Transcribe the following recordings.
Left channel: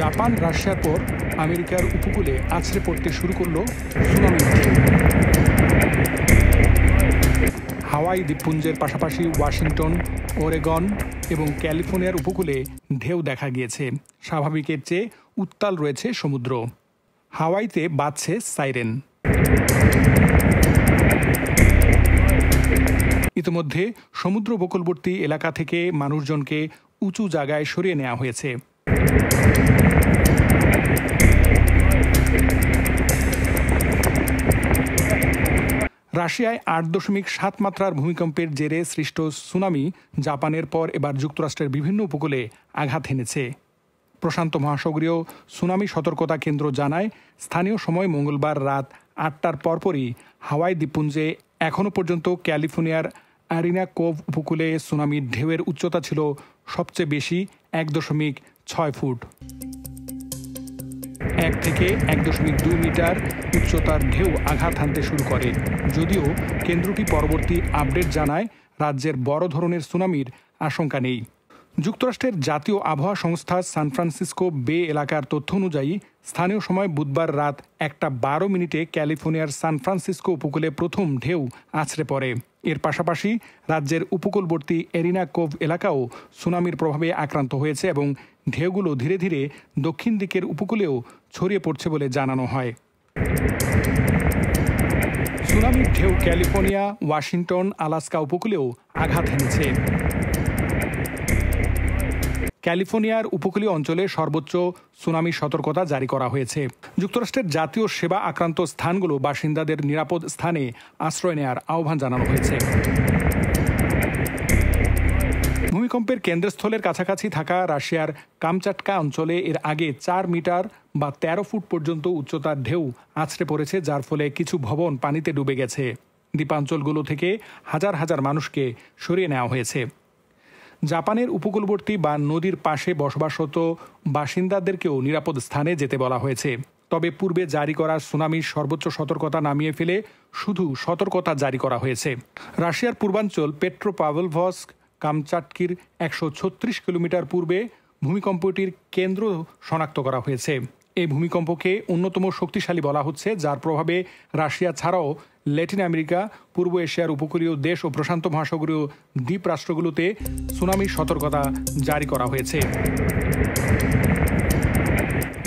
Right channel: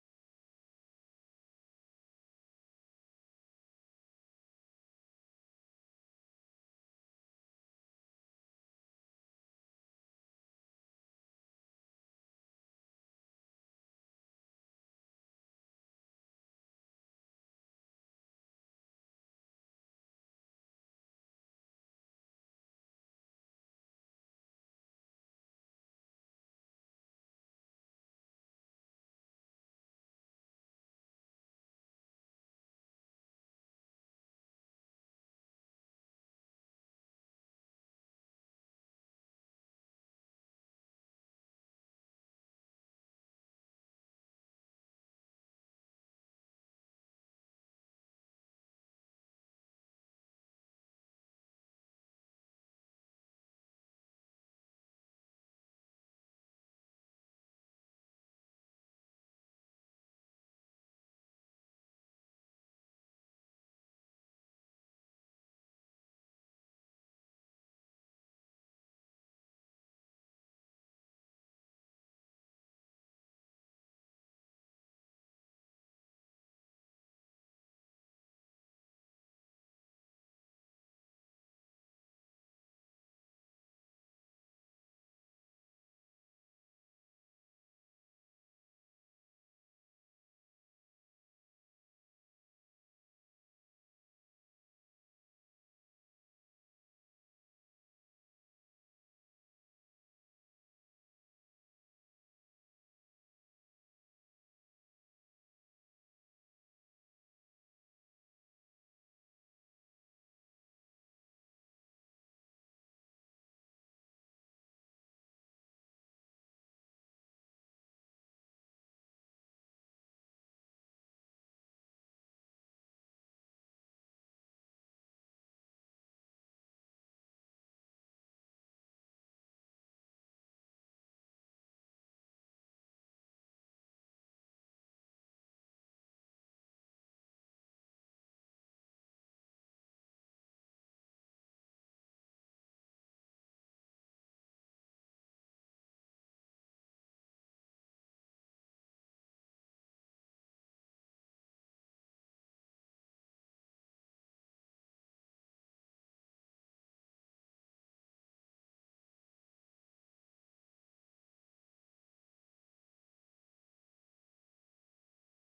Japan রাশিয়ার পর আমেরিকার উপকূলে আছড়ে পড়তে শুরু করল সুনামি। হাওয়াই দ্বীপপুঞ্জের পাশাপাশি ওয়াশিংটন, ওরেগন এবং ক্যালিফোর্নিয়ার উপকূলে ঢেউ দেখা গিয়েছে। স্বাভাবিকের চেয়ে উত্তাল রয়েছে সমুদ্র। হাওয়াইতে বাজছে সাইরেন। ইতিমধ্যে সমুদ্র উপকূলবর্তী এলাকা থেকে মানুষজনকে উঁচু জায়গায় সরিয়ে নেওয়া হয়েছে। রাশিয়ায় ৮.৭ মাত্রার ভূমিকম্পের জেরে সৃষ্ট সুনামি জাপানের পর এবার যুক্তরাষ্ট্রের বিভিন্ন উপকূলে আঘাত হেনেছে। প্রশান্ত মহাসাগরীয় সুনামি সতর্কতা কেন্দ্র জানায়, স্থানীয় সময় মঙ্গলবার রাত ৮টার পরপরই হাওয়াই দ্বীপপুঞ্জে এখনও পর্যন্ত ক্যালিফোর্নিয়ার আরিনা কোভ উপকূলে সুনামির ঢেউয়ের উচ্চতা ছিল সবচেয়ে বেশি ১.৬ ফুট। ১ থেকে ১.২ মিটার উচ্চতার ঢেউ আঘাত হানতে শুরু করে। যদিও কেন্দ্রটি পরবর্তী আপডেট জানায়, রাজ্যের বড় ধরনের সুনামির আশঙ্কা নেই। যুক্তরাষ্ট্রের জাতীয় আবহাওয়া সংস্থা সান ফ্রান্সিসকো বে এলাকার তথ্য অনুযায়ী স্থানীয় সময় বুধবার রাত ১:১২ ক্যালিফোর্নিয়ার সান ফ্রান্সিসকো উপকূলে প্রথম ঢেউ আছড়ে পড়ে। এর পাশাপাশি রাজ্যের উপকূলবর্তী এরিনা কোভ এলাকাও সুনামির প্রভাবে আক্রান্ত হয়েছে এবং ঢেউগুলো ধীরে ধীরে দক্ষিণ দিকের উপকূলেও ছড়িয়ে পড়ছে বলে জানানো হয়। সুনামির ঢেউ ক্যালিফোর্নিয়া, ওয়াশিংটন, আলাস্কা উপকূলেও আঘাত হেনেছে। ক্যালিফোর্নিয়ার উপকূলীয় অঞ্চলে সর্বোচ্চ সুনামি সতর্কতা জারি করা হয়েছে। যুক্তরাষ্ট্রের জাতীয় সেবা আক্রান্ত স্থানগুলো বাসিন্দাদের নিরাপদ স্থানে আশ্রয় নেওয়ার আহ্বান জানানো হয়েছে। ভূমিকম্পের কেন্দ্রস্থলের কাছাকাছি থাকা রাশিয়ার কামচাটকা অঞ্চলে এর আগে ৪ মিটার বা ১৩ ফুট পর্যন্ত উচ্চতার ঢেউ আছড়ে পড়েছে, যার ফলে কিছু ভবন পানিতে ডুবে গেছে। দ্বীপাঞ্চলগুলো থেকে হাজার হাজার মানুষকে সরিয়ে নেওয়া হয়েছে। জাপানের উপকূলবর্তী বা নদীর পাশে বসবাসরত বাসিন্দাদেরকেও নিরাপদ স্থানে যেতে বলা হয়েছে। তবে পূর্বে জারি করা সুনামির সর্বোচ্চ সতর্কতা নামিয়ে ফেলে শুধু সতর্কতা জারি করা হয়েছে। রাশিয়ার পূর্বাঞ্চল পেট্রোপাভলভস্ক কামচাটকির ১৩৬ কিলোমিটার পূর্বে ভূমিকম্পটির কেন্দ্র শনাক্ত করা হয়েছে। এই ভূমিকম্পকে অন্যতম শক্তিশালী বলা হচ্ছে, যার প্রভাবে রাশিয়া ছাড়াও ল্যাটিন আমেরিকা, পূর্ব এশিয়ার উপকূলীয় দেশ ও প্রশান্ত মহাসাগরীয় দ্বীপ রাষ্ট্রগুলোতে সুনামির সতর্কতা জারি করা হয়েছে।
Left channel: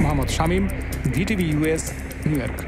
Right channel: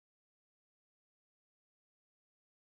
Mohammad Shamim, VTV US, new York.